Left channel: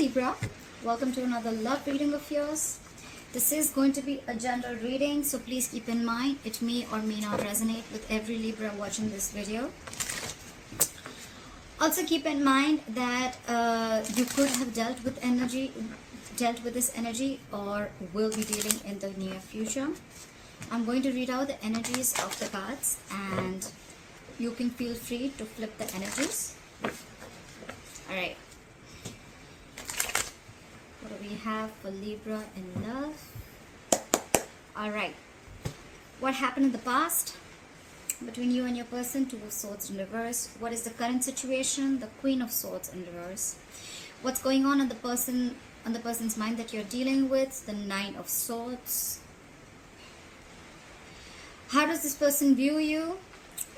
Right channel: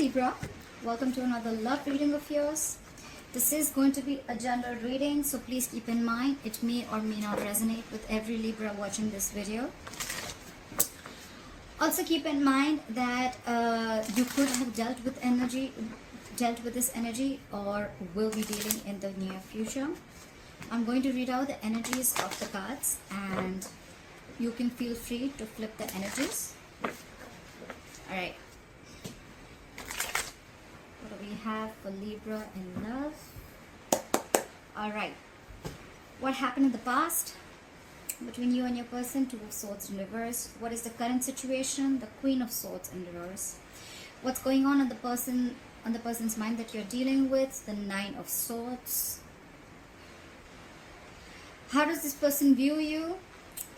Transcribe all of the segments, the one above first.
Libra, welcome to another love reading of yours. This is going to be a general reading, so please keep in mind it may or may not resonate with every Libra watching this video. Also keep in mind that you could have dealt with this energy, or will be dealing in the near future. I'm going to read out the energies of the cards, and you can feel free to flip the energies. Alright. What do we have for Libra in love? Alright. What happened in the past between you and your person? Two of Swords in reverse. What is the current situation? The Queen of Swords in reverse. What's going on in the person's mind that you're dealing with? The Nine of Swords. How does this person view you?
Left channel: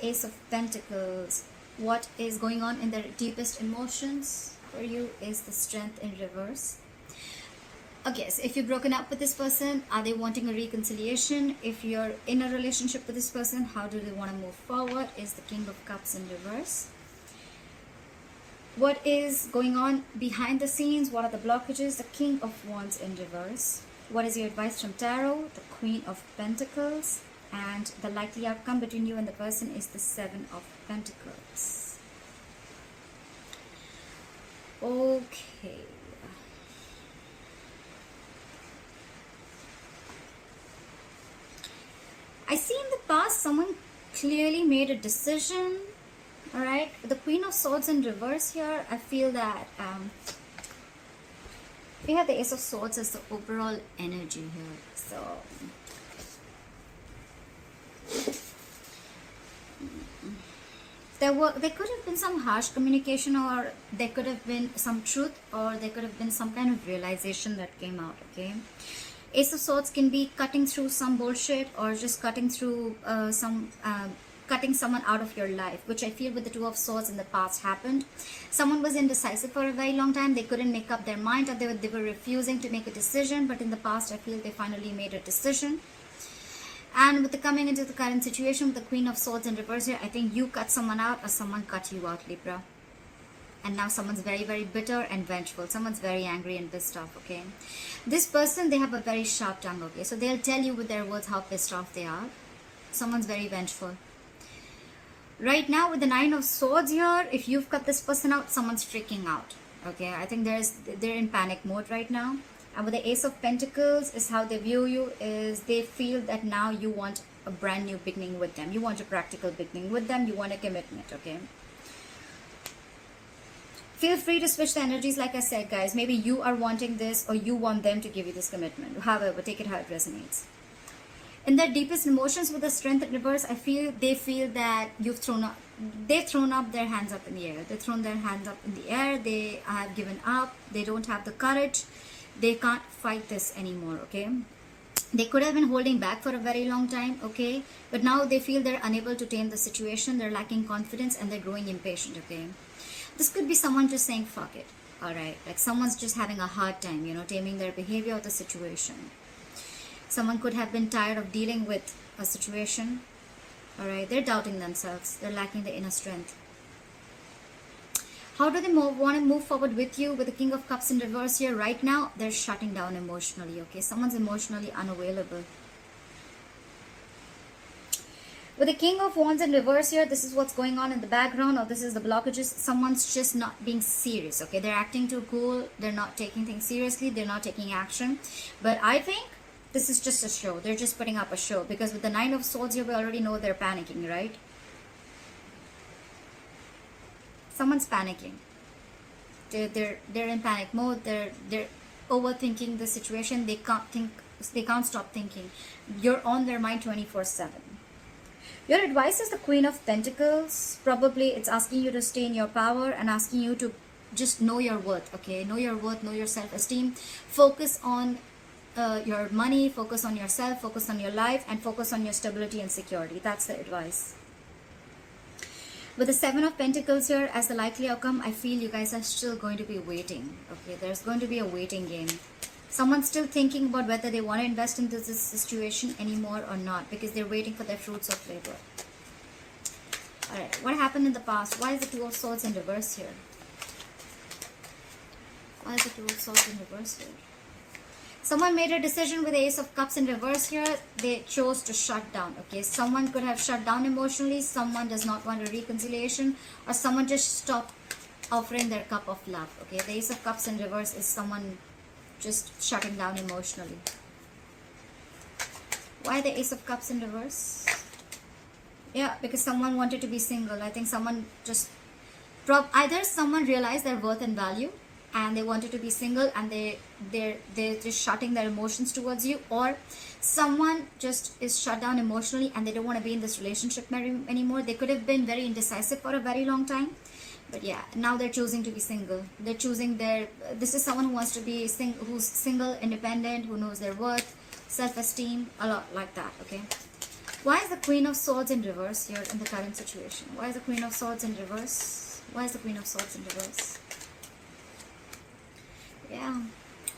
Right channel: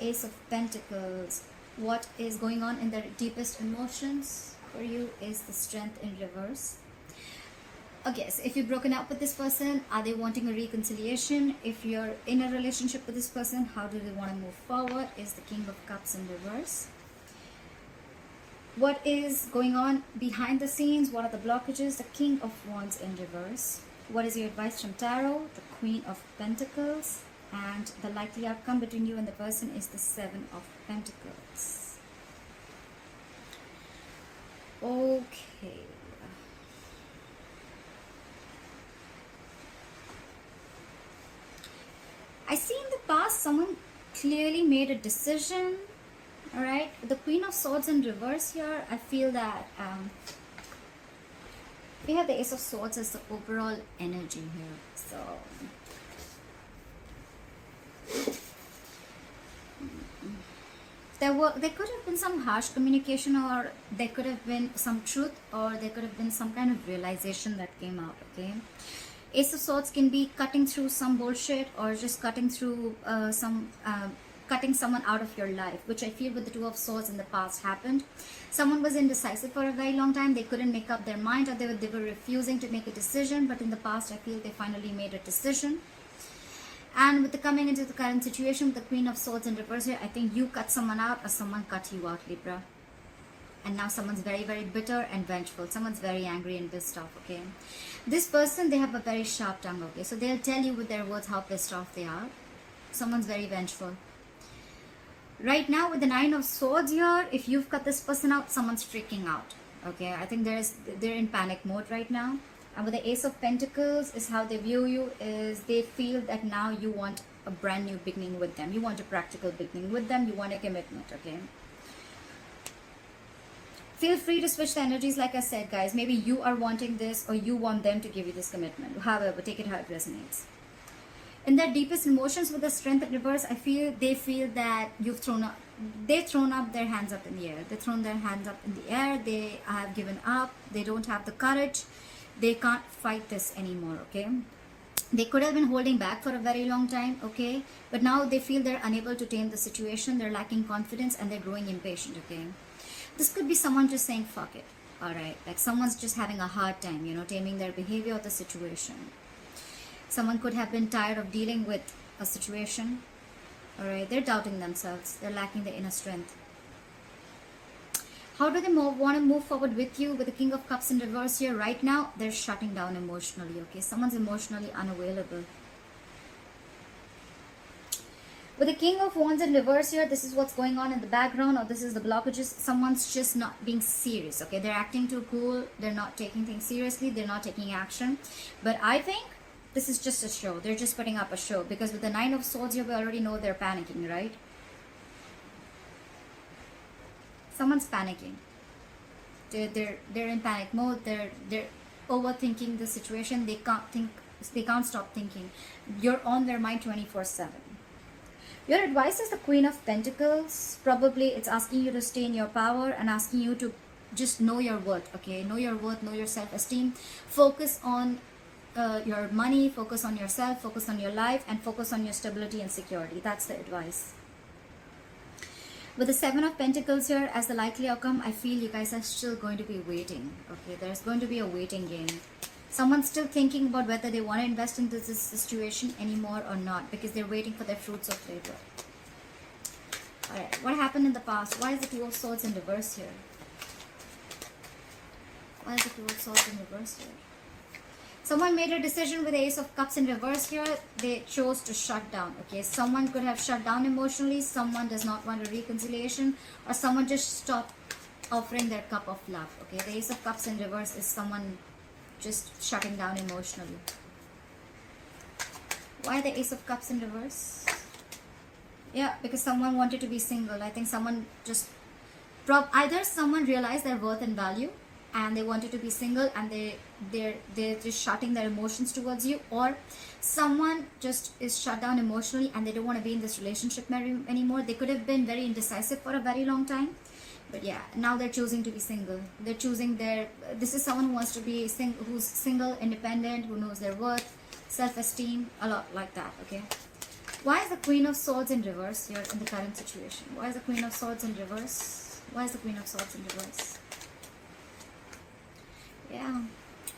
Ace of Pentacles. What is going on in their deepest emotions for you is the Strength in reverse. Okay, so if you've broken up with this person, are they wanting a reconciliation? If you're in a relationship with this person, how do they want to move forward? Is the King of Cups in reverse. What is going on behind the scenes? What are the blockages? The King of Wands in reverse. What is your advice from Tarot? The Queen of Pentacles. And the likely outcome between you and the person is the Seven of Pentacles. Okay. I see in the past someone clearly made a decision. Alright, with the Queen of Swords in reverse here, I feel that we have the Ace of Swords as the overall energy here. So there could have been some harsh communication, or there could have been some truth, or there could have been some kind of realization that came out. Okay, Ace of Swords can be cutting through some bullshit, or just cutting through cutting someone out of your life, which I feel with the Two of Swords in the past happened. Someone was indecisive for a very long time. They couldn't make up their mind, or they were refusing to make a decision, but in the past I feel they finally made a decision. And with the coming into the current situation with the Queen of Swords in reverse here, I think you cut someone out, or someone cut you out, Libra. And now someone's very, very bitter and vengeful. Someone's very angry and pissed off, okay? This person, they have a very sharp tongue, okay? So they'll tell you with their words how pissed off they are. Someone's very vengeful. Right now with the Nine of Swords here, if you've cut this person out, someone's freaking out, okay? I think they're in panic mode right now. And with the Ace of Pentacles is how they view you, is they feel that now you want a brand new beginning with them. You want a practical beginning with them. You want a commitment, okay? Feel free to switch the energies, like I said, guys. Maybe you are wanting this, or you want them to give you this commitment. However, take it how it resonates. In their deepest emotions with the Strength in reverse, I feel they feel that they've thrown up their hands up in the air. They've thrown their hands up in the air. They have given up. They don't have the courage. They can't fight this anymore, okay? They could have been holding back for a very long time, okay? But now they feel they're unable to tame the situation. They're lacking confidence, and they're growing impatient, okay? This could be someone just saying, fuck it, alright? Like someone's just having a hard time, taming their behavior or the situation. Someone could have been tired of dealing with a situation, alright? They're doubting themselves. They're lacking the inner strength. How do they want to move forward with you? With the King of Cups in reverse here, right now, they're shutting down emotionally, okay? Someone's emotionally unavailable. With the King of Wands in reverse here, this is what's going on in the background, or this is the blockages. Someone's just not being serious, okay? They're acting too cool. They're not taking things seriously. They're not taking action. But I think this is just a show. They're just putting up a show, because with the Nine of Swords here, we already know they're panicking, right? Someone's panicking. They're in panic mode. They're overthinking the situation. They can't think. They can't stop thinking. You're on their mind 24/7. Your advice is the Queen of Pentacles. Probably it's asking you to stay in your power and asking you to just know your worth. Okay, know your worth. Know your self-esteem. Focus on your money. Focus on yourself. Focus on your life, and focus on your stability and security. That's the advice. With the Seven of Pentacles here as the likely outcome, I feel you guys are still going to be waiting. Okay, there's going to be a waiting game. Someone's still thinking about whether they want to invest into this situation anymore or not, because they're waiting for their fruits of labor. Alright, what happened in the past? Why is the Two of Swords in reverse here? Why is the Two of Swords in reverse here? Someone made a decision with the Ace of Cups in reverse here. They chose to shut down. Okay, someone could have shut down emotionally. Someone does not want a reconciliation, or someone just stopped offering their cup of love. Okay, the Ace of Cups in reverse is someone just shutting down emotionally. Why the Ace of Cups in reverse? Yeah, because someone wanted to be single. I think someone just either someone realized their worth and value and they wanted to be single, and they're just shutting their emotions towards you, or someone just is shut down emotionally and they don't want to be in this relationship anymore. They could have been very indecisive for a very long time, but yeah, now they're choosing to be single. They're choosing this is someone who wants to be who's single, independent, who knows their worth, self-esteem, a lot like that. Okay, why is the Queen of Swords in reverse here in the current situation? Why is the Queen of Swords in reverse? Why is the Queen of Swords in reverse? Yeah,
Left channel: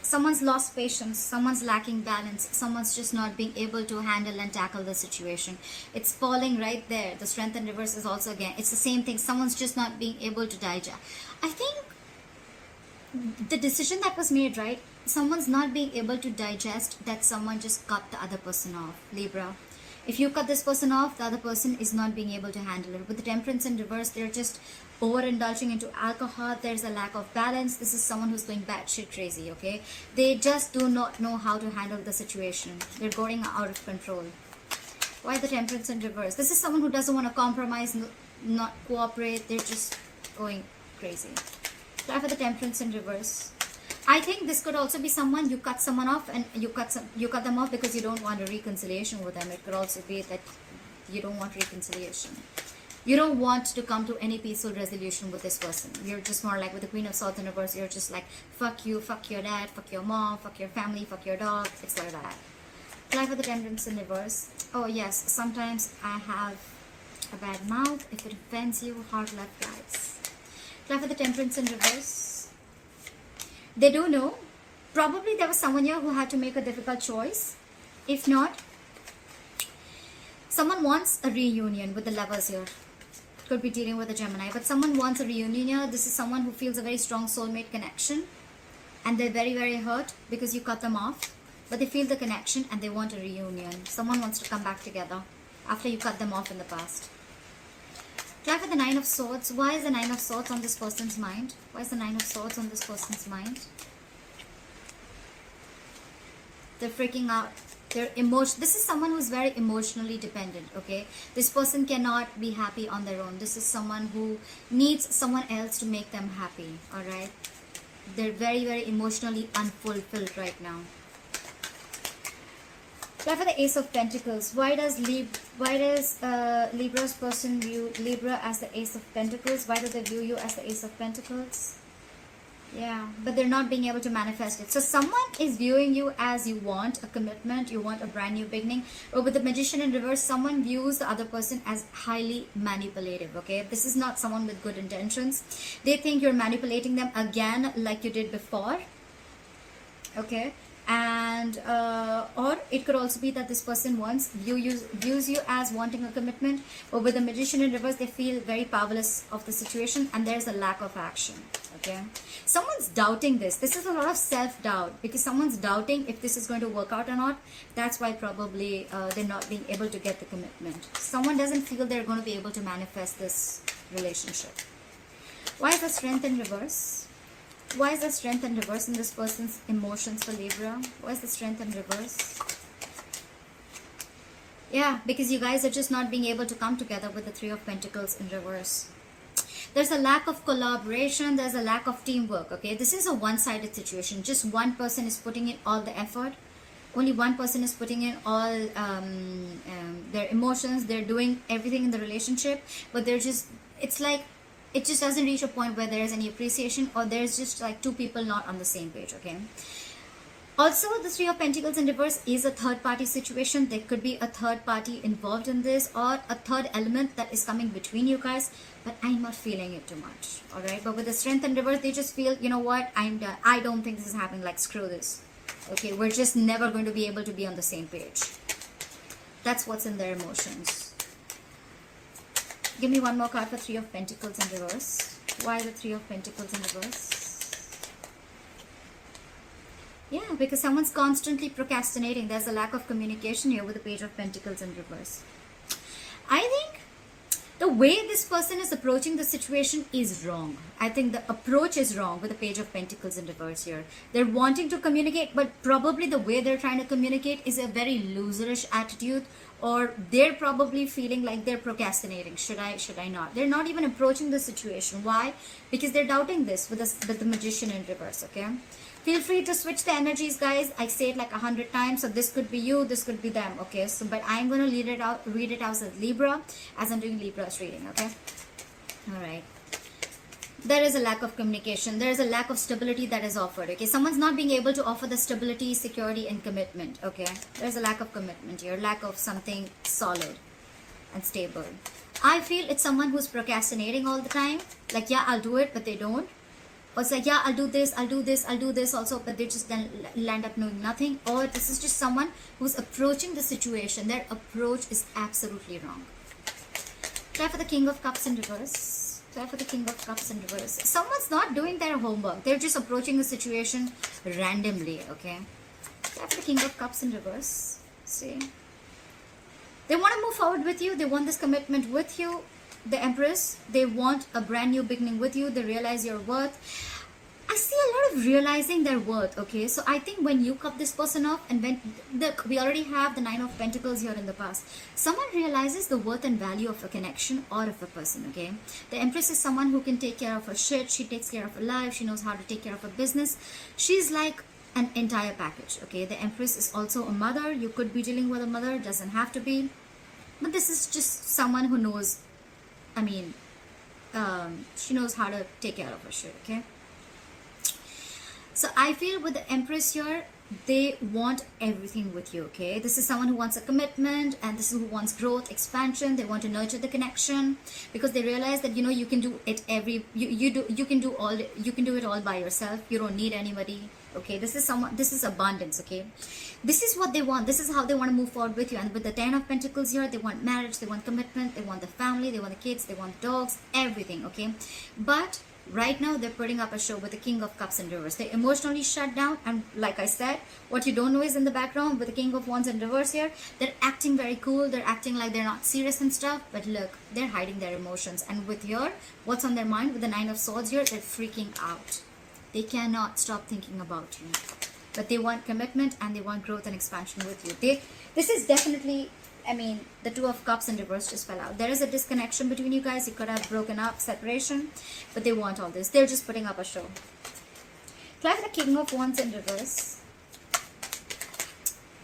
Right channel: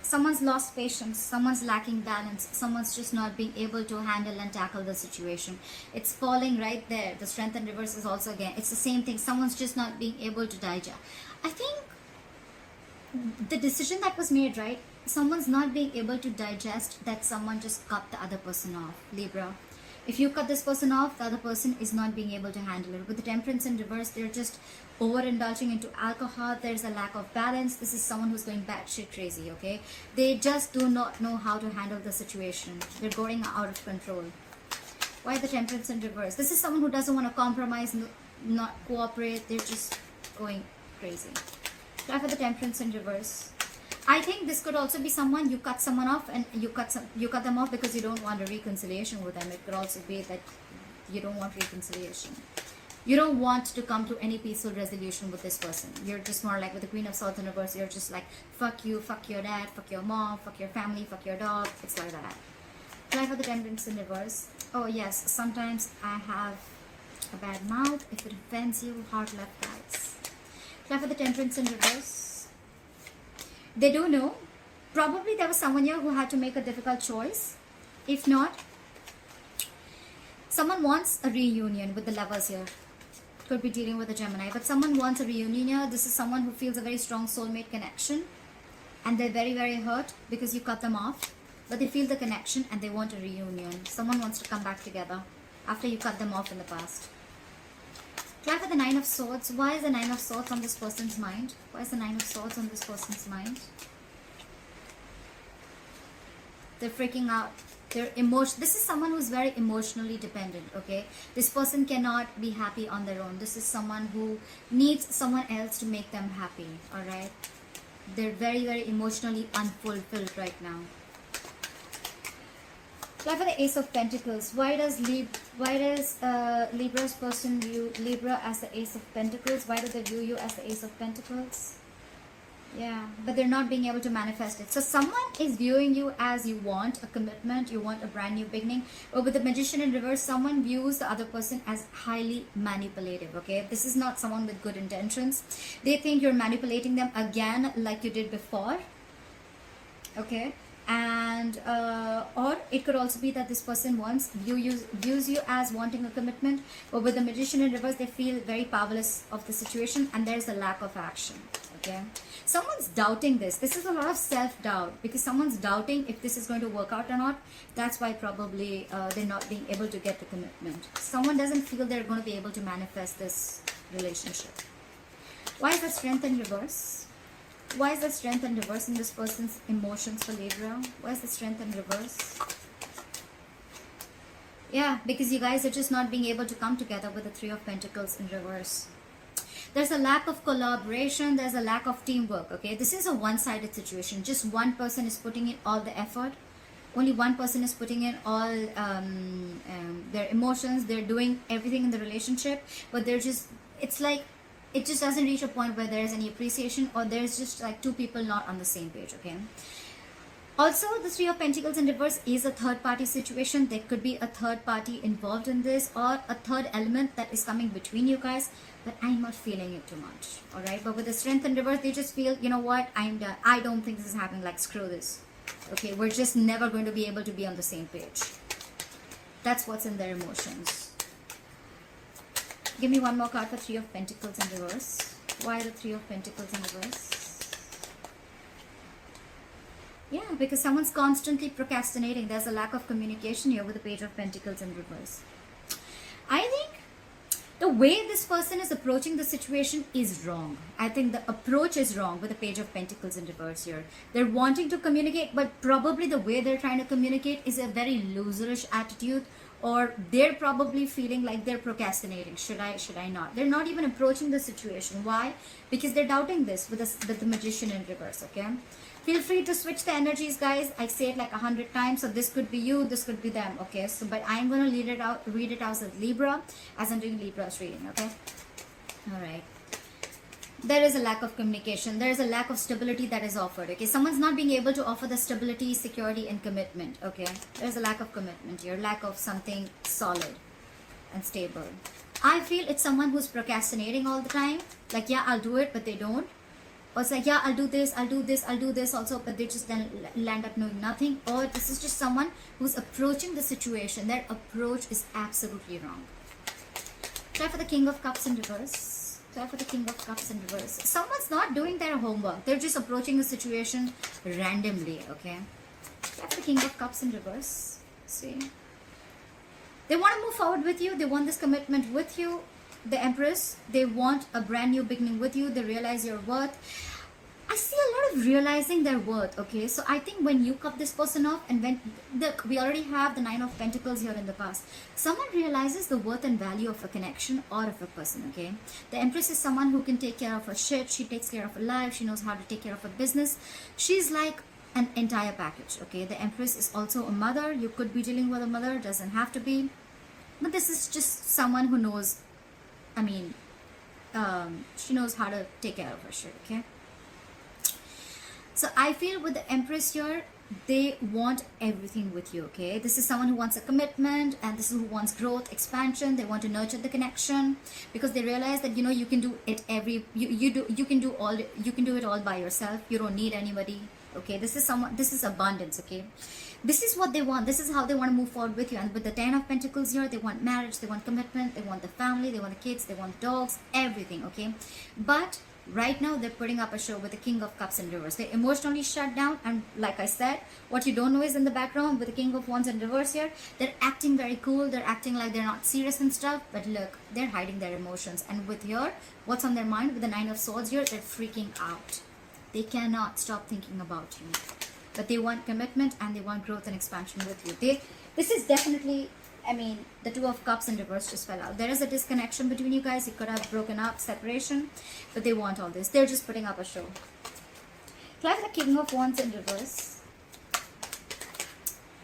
someone's lost patience, someone's lacking balance, someone's just not being able to handle and tackle the situation. It's falling right there. The Strength in reverse is also, again, it's the same thing. Someone's just not being able to digest. I think the decision that was made, right? Someone's not being able to digest that someone just cut the other person off. Libra, if you cut this person off, the other person is not being able to handle it. With the Temperance in reverse, they're just overindulging into alcohol. There's a lack of balance. This is someone who's going batshit crazy. Okay, they just do not know how to handle the situation. They're going out of control. Why the Temperance in reverse? This is someone who doesn't want to compromise, not cooperate. They're just going crazy. Try for the Temperance in reverse. I think this could also be someone, you cut someone off and you cut them off because you don't want a reconciliation with them. It could also be that you don't want reconciliation. You don't want to come to any peaceful resolution with this person. You're just more like with the Queen of Swords in reverse, you're just like, fuck you, fuck your dad, fuck your mom, fuck your family, fuck your dog. It's like that. Try for the Temperance in reverse. Oh yes, sometimes I have a bad mouth. If it offends you, hard left guys. Try for the Temperance in reverse. They do know. Probably there was someone here who had to make a difficult choice. If not, someone wants a reunion with the Lovers here. Could be dealing with a Gemini, but someone wants a reunion here. This is someone who feels a very strong soulmate connection, and they're very, very hurt because you cut them off, but they feel the connection and they want a reunion. Someone wants to come back together after you cut them off in the past. Try for the Nine of Swords. Why is the Nine of Swords on this person's mind? Why is the Nine of Swords on this person's mind? They're freaking out. This is someone who's very emotionally dependent. Okay, this person cannot be happy on their own. This is someone who needs someone else to make them happy. All right, they're very, very emotionally unfulfilled right now. Try for the Ace of Pentacles. Why does Libra's person view Libra as the Ace of Pentacles? Why do they view you as the Ace of Pentacles? Yeah, but they're not being able to manifest it. So someone is viewing you as you want a commitment, you want a brand new beginning. But with the Magician in reverse, someone views the other person as highly manipulative. Okay, this is not someone with good intentions. They think you're manipulating them again like you did before. Okay, and or it could also be that this person views you as wanting a commitment. But with the Magician in reverse, they feel very powerless of the situation and there's a lack of action. Okay, someone's doubting this. This is a lot of self-doubt because someone's doubting if this is going to work out or not. That's why probably they're not being able to get the commitment. Someone doesn't feel they're going to be able to manifest this relationship. Why is the Strength in reverse? Why is the Strength in reverse in this person's emotions for Libra? Why is the Strength in reverse? Yeah, because you guys are just not being able to come together with the Three of Pentacles in reverse. There's a lack of collaboration. There's a lack of teamwork. Okay, this is a one-sided situation. Just one person is putting in all the effort. Only one person is putting in all their emotions. They're doing everything in the relationship, but they're just, it's like, it just doesn't reach a point where there is any appreciation, or there's just like two people not on the same page. Okay, also the Three of Pentacles in reverse is a third party situation. There could be a third party involved in this, or a third element that is coming between you guys, but I'm not feeling it too much. All right, but with the Strength in reverse, they just feel, you know what, I'm done. I don't think this is happening. Like, screw this. Okay, we're just never going to be able to be on the same page. That's what's in their emotions. Give me one more card for Three of Pentacles in reverse. Why the Three of Pentacles in reverse? because someone's constantly procrastinating. There's a lack of communication here with the Page of Pentacles in reverse. I think the way this person is approaching the situation is wrong. I think the approach is wrong with the Page of Pentacles in reverse here. They're wanting to communicate, but probably the way they're trying to communicate is a very loserish attitude, or they're probably feeling like they're procrastinating. Should I not? They're not even approaching the situation. Why? Because they're doubting this with the Magician in reverse, okay? Feel free to switch the energies, guys. I say it like 100 times, so this could be you, this could be them, okay? So, but I'm going to read it out as Libra, as I'm doing Libra's reading, okay? All right. There is a lack of communication. There is a lack of stability that is offered, okay? Someone's not being able to offer the stability, security, and commitment, okay? There's a lack of commitment here, lack of something solid and stable. I feel it's someone who's procrastinating all the time. Like, yeah, I'll do it, but they don't. Or it's like, yeah, I'll do this also, but they just land up knowing nothing. Or this is just someone who's approaching the situation. Their approach is absolutely wrong. Try for the King of Cups in reverse. Try for the King of Cups in reverse. Someone's not doing their homework. They're just approaching the situation randomly, okay? Try for the King of Cups in reverse. See. They want to move forward with you. They want this commitment with you. The Empress, they want a brand new beginning with you. They realize your worth. I see a lot of realizing their worth, okay? So I think when you cut this person off, and when we already have the Nine of Pentacles here in the past, someone realizes the worth and value of a connection or of a person, okay? The Empress is someone who can take care of her shit. She takes care of her life. She knows how to take care of her business. She's like an entire package, okay? The Empress is also a mother. You could be dealing with a mother, doesn't have to be. But this is just someone who knows, I mean, she knows how to take care of her shit, okay? So I feel with the Empress here, they want everything with you, okay? This is someone who wants a commitment, and this is who wants growth, expansion. They want to nurture the connection because they realize that, you know, you can do it you can do it all by yourself. You don't need anybody, okay? This is abundance, okay? This is what they want. This is how they want to move forward with you. And with the Ten of Pentacles here, they want marriage, they want commitment, they want the family, they want the kids, they want dogs, everything, okay? But right now, they're putting up a show with the King of Cups in reverse. They emotionally shut down, and like I said, what you don't know is in the background with the King of Wands in reverse here, they're acting very cool, they're acting like they're not serious and stuff, but look, they're hiding their emotions. And with here, what's on their mind with the Nine of Swords here, they're freaking out. They cannot stop thinking about you. But they want commitment and they want growth and expansion with you. This is definitely, I mean, the Two of Cups in reverse just fell out. There is a disconnection between you guys. You could have broken up, separation, but they want all this. They're just putting up a show. Try for the King of Wands in reverse.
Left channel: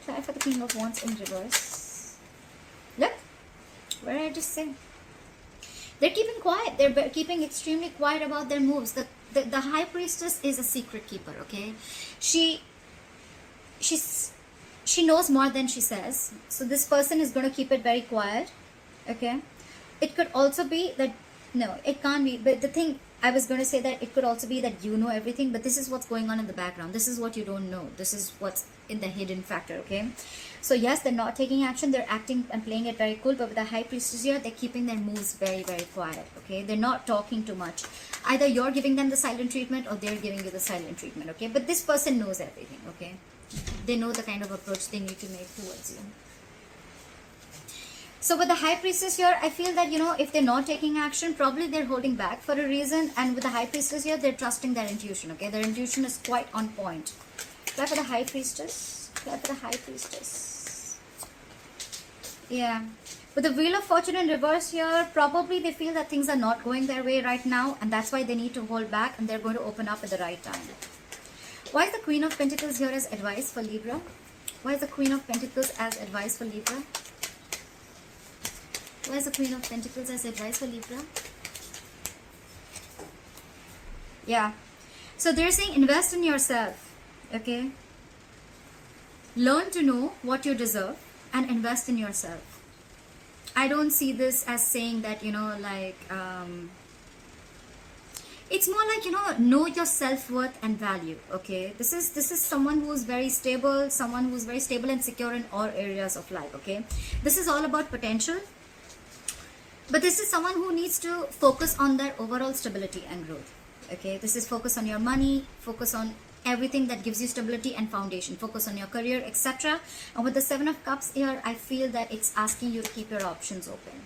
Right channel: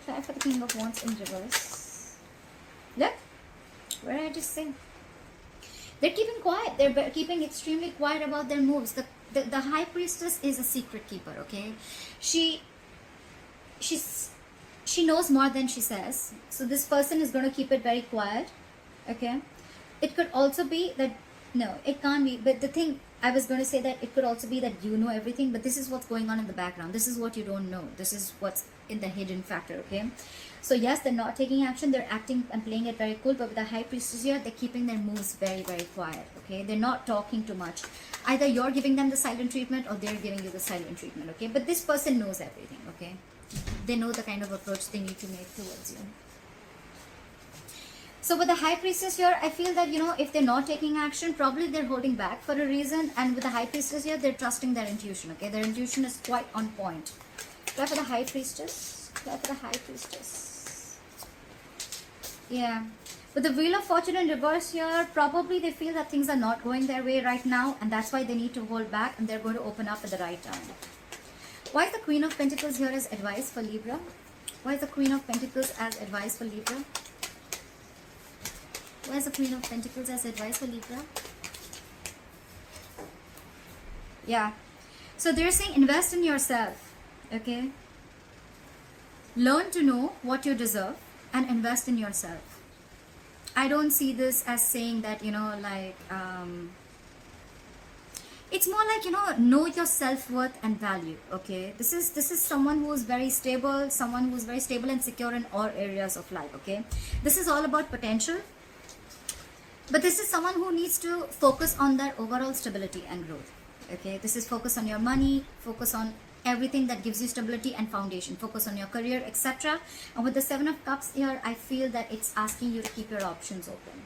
Try for the King of Wands in reverse. Look, what did I just say? They're keeping quiet. They're keeping extremely quiet about their moves. The High Priestess is a secret keeper, okay? She knows more than she says. So this person is going to keep it very quiet, okay? It could also be that, no, it can't be. But the thing, I was going to say that it could also be that you know everything, but this is what's going on in the background. This is what you don't know. This is what's in the hidden factor, okay? So yes, they're not taking action. They're acting and playing it very cool, but with the High Priestess here, they're keeping their moves very, very quiet, okay? They're not talking too much. Either you're giving them the silent treatment or they're giving you the silent treatment, okay? But this person knows everything, okay? They know the kind of approach they need to make towards you. So with the High Priestess here, I feel that, you know, if they're not taking action, probably they're holding back for a reason. And with the High Priestess here, they're trusting their intuition, okay? Their intuition is quite on point. Try for the High Priestess. Try for the High Priestess. Yeah. With the Wheel of Fortune in reverse here, probably they feel that things are not going their way right now. And that's why they need to hold back, and they're going to open up at the right time. Why is the Queen of Pentacles here as advice for Libra? Why is the Queen of Pentacles as advice for Libra? Why is the Queen of Pentacles as advice for Libra? Yeah. So they're saying invest in yourself. Okay. Learn to know what you deserve and invest in yourself. I don't see this as saying that, you know, like, it's more like, you know your self-worth and value, okay? This is someone who's very stable, someone who's very stable and secure in all areas of life, okay? This is all about potential. But this is someone who needs to focus on their overall stability and growth, okay? This is focus on your money, focus on everything that gives you stability and foundation. Focus on your career, etc. And with the Seven of Cups here, I feel that it's asking you to keep your options open.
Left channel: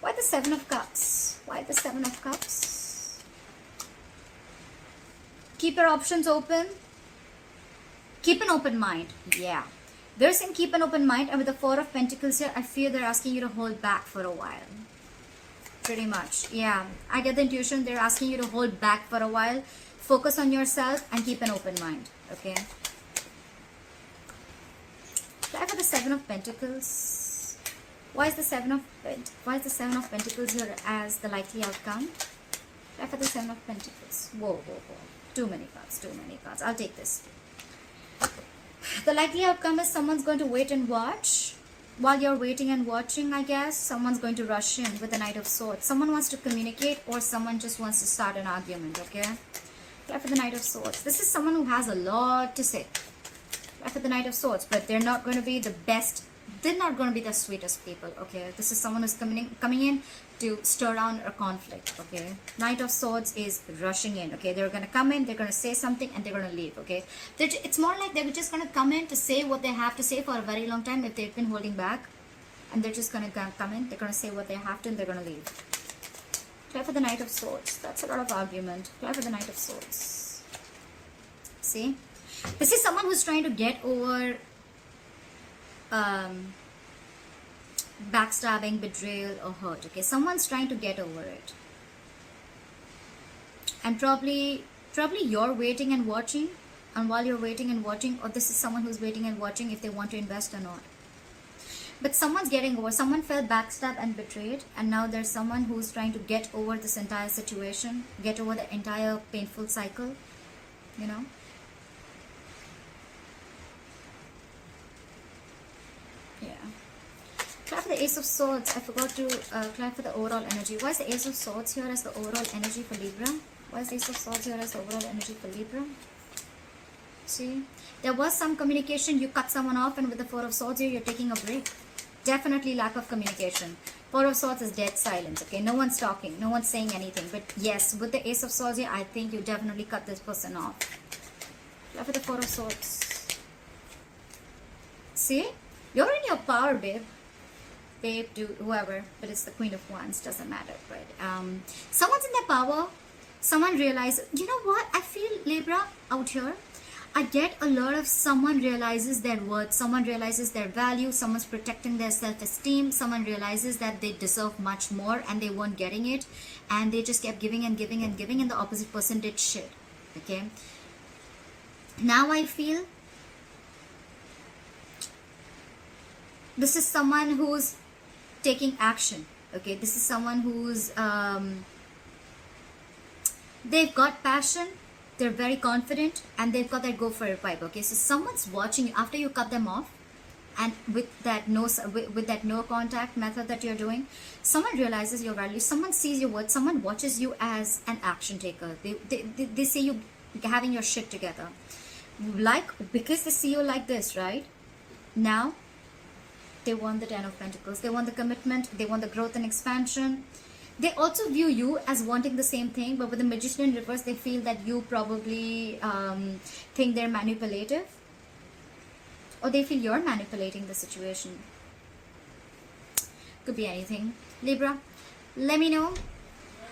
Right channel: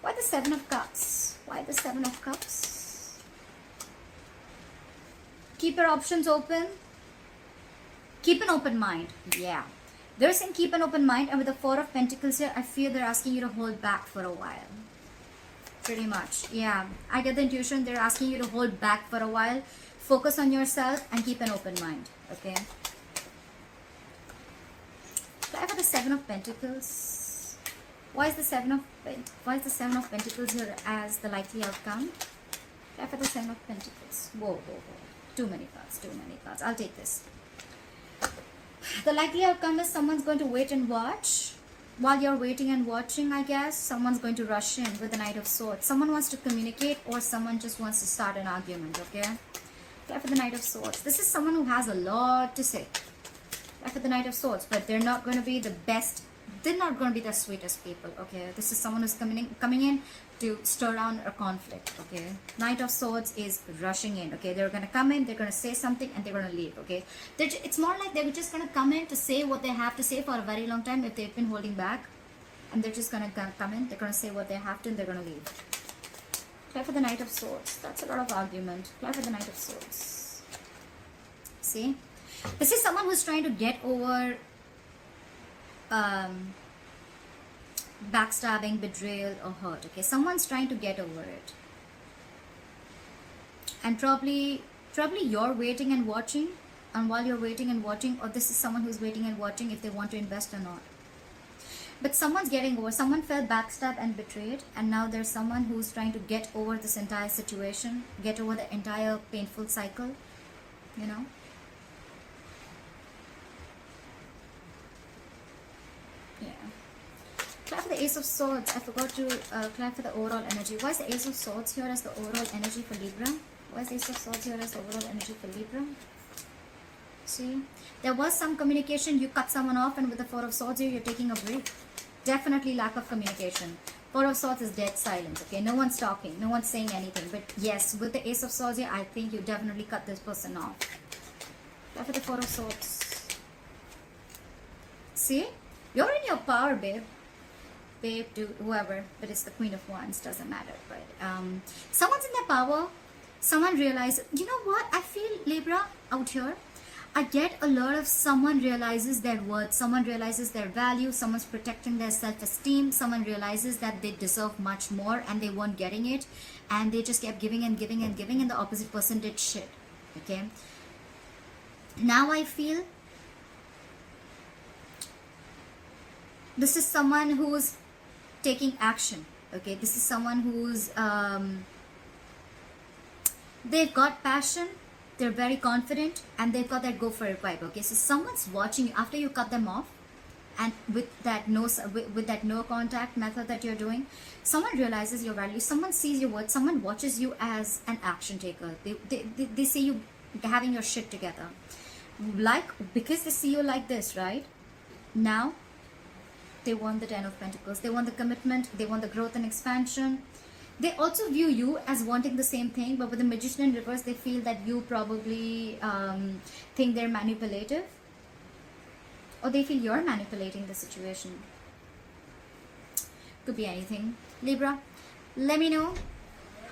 Why the Seven of Cups? Why the Seven of Cups? Keep your options open. Keep an open mind. Yeah. They're saying keep an open mind. And with the Four of Pentacles here, I feel they're asking you to hold back for a while. Pretty much. Yeah. I get the intuition. They're asking you to hold back for a while. Focus on yourself and keep an open mind. Okay. Try for the Seven of Pentacles. Why is the Seven of Pentacles here as the likely outcome? Try for the Seven of Pentacles. Whoa, whoa, whoa. Too many cards, too many cards. I'll take this. The likely outcome is someone's going to wait and watch. While you're waiting and watching, I guess, someone's going to rush in with the Knight of Swords. Someone wants to communicate or someone just wants to start an argument, okay? Try for the Knight of Swords. This is someone who has a lot to say. Try for the Knight of Swords, but they're not going to be the best. They're not going to be the sweetest people, okay? This is someone who's coming in to stir down a conflict, okay? Knight of Swords is rushing in, okay? They're going to come in, they're going to say something, and they're going to leave, okay? It's more like they're just going to come in to say what they have to say for a very long time if they've been holding back. And they're just going to come in, they're going to say what they have to, and they're going to leave. Try for the Knight of Swords. That's a lot of argument. Try for the Knight of Swords. See? This is someone who's trying to get over backstabbing, betrayal, or hurt. Okay, someone's trying to get over it, and probably you're waiting and watching. And while you're waiting and watching, or this is someone who's waiting and watching if they want to invest or not. But someone's getting over. Someone felt backstabbed and betrayed, and now there's someone who's trying to get over this entire situation, get over the entire painful cycle. You know. Try for the Ace of Swords. I forgot to try for the overall energy. Why is the Ace of Swords here as the overall energy for Libra? Why is the Ace of Swords here as the overall energy for Libra? See? There was some communication. You cut someone off, and with the Four of Swords here, you're taking a break. Definitely lack of communication. Four of Swords is dead silence, okay? No one's talking. No one's saying anything. But yes, with the Ace of Swords here, I think you definitely cut this person off. Try for the Four of Swords. See? You're in your power, babe. Babe, dude, whoever, but it's the Queen of Wands, doesn't matter. But someone's in their power. Someone realizes, you know what? I feel Libra out here. I get a lot of someone realizes their worth, someone realizes their value, someone's protecting their self-esteem, someone realizes that they deserve much more and they weren't getting it, and they just kept giving and giving and giving, and the opposite person did shit. Okay. Now I feel this is someone who's taking action. Okay, this is someone who's they've got passion, they're very confident, and they've got that go for it vibe. Okay, so someone's watching you after you cut them off, and with that no contact method that you're doing, someone realizes your value, someone sees your worth, someone watches you as an action taker. They see you having your shit together, like, because they see you like this, right? Now they want the Ten of Pentacles. They want the commitment. They want the growth and expansion. They also view you as wanting the same thing, but with the Magician in reverse, they feel that you probably think they're manipulative, or they feel you're manipulating the situation. Could be anything. Libra, let me know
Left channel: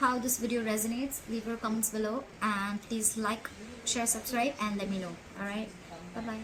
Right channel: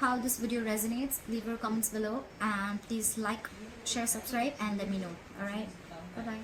how this video resonates. Leave your comments below, and please like, share, subscribe, and let me know. Alright, bye bye.